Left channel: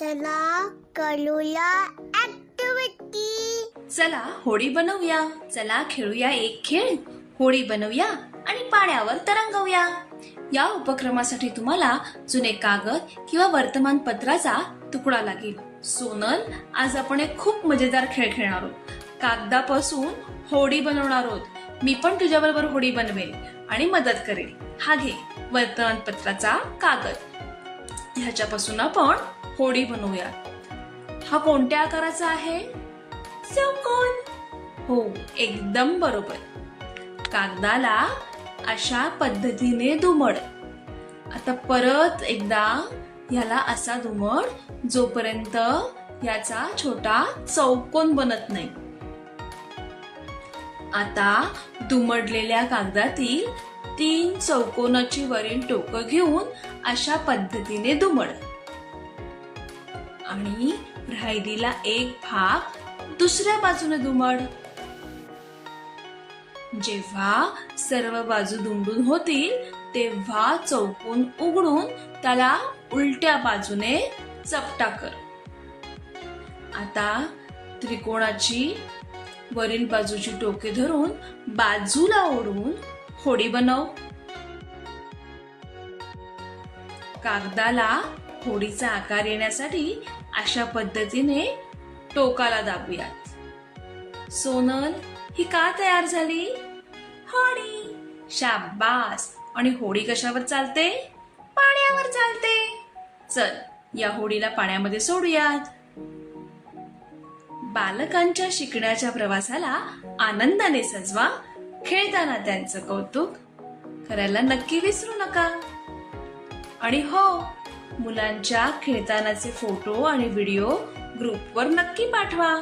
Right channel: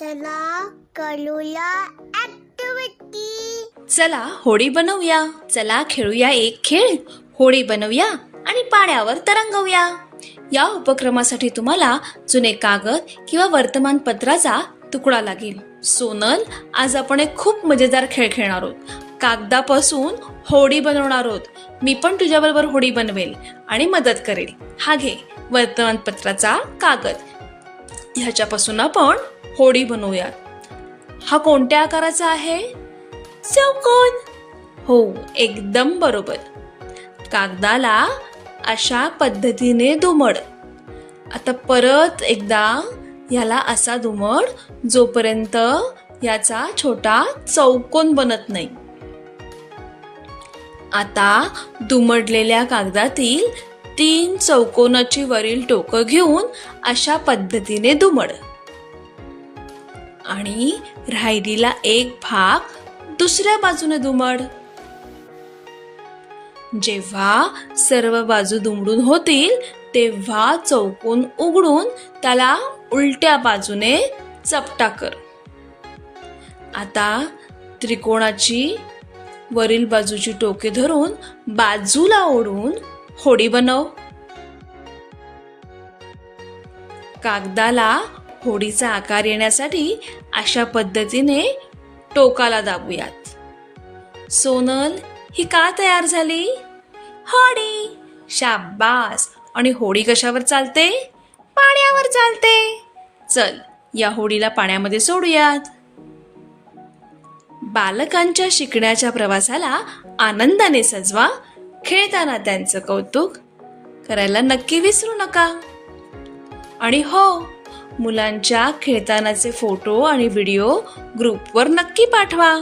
चला करूया ऍक्टिव्हिटी चला होडी बनवूया. चला खेळूया एक खेळ. होडी बनवूया आणि पाण्यावर तरंगवूया. या उपक्रमासाठी तुम्हाला जुने कागद किंवा वर्तमानपत्राचा तुकडा लागेल. सोनल आज आपण एक खूप मजेदार खेळ खेळणार आहोत. कागदापासून होडी बनवणार आहोत. मी पण तुझ्याबरोबर होडी बनवेल आणि मदत करेल. हा घे वर्तमानपत्राचा कागद. ह्याच्यापासून आपण होडी बनवूया हा कोणत्या आकाराचा आहे? चौकोन. हो एकदम बरोबर. कागदाला अशा पद्धतीने दुमड. आता परत एकदा ह्याला असा दुमड जोपर्यंत याचा छोटा चौकोन बनत नाही. आता दुमडलेल्या कागदातील तीन चौकोनाची वरील टोकं घेऊन अशा पद्धतीने दुमड. आणि राहिलेला एक भाग दुसऱ्या बाजूने दुमड. जेव्हा सर्व बाजू दुमडून होतील तेव्हा चौकोन उघडून त्याला उलट्या बाजूने चपटा कर. आता त्रिकोणाची वरील बाजूची टोके धरून बाजूला ओढून होडी बनव. कागदाला होडीचा आकार येण्यासाठी अशा पद्धतीने टोकाला दाबूयात. सोनल ही का तयार झाली? होडी शाबास आणि होडी कशावर चालते? पाण्यावर चालते. चल या होडीला पाण्यामध्ये सोडूयात. बालकांच्या शिकण्याच्या प्रवासाला आनंदाने सजवा. खेळताना त्यांचं कौतुक करायला नक्की विसरू नका. आणि हो मुलांच्या खेळतानाचे फोटो आणि व्हिडिओ ग्रुपवर नक्की पाठवा.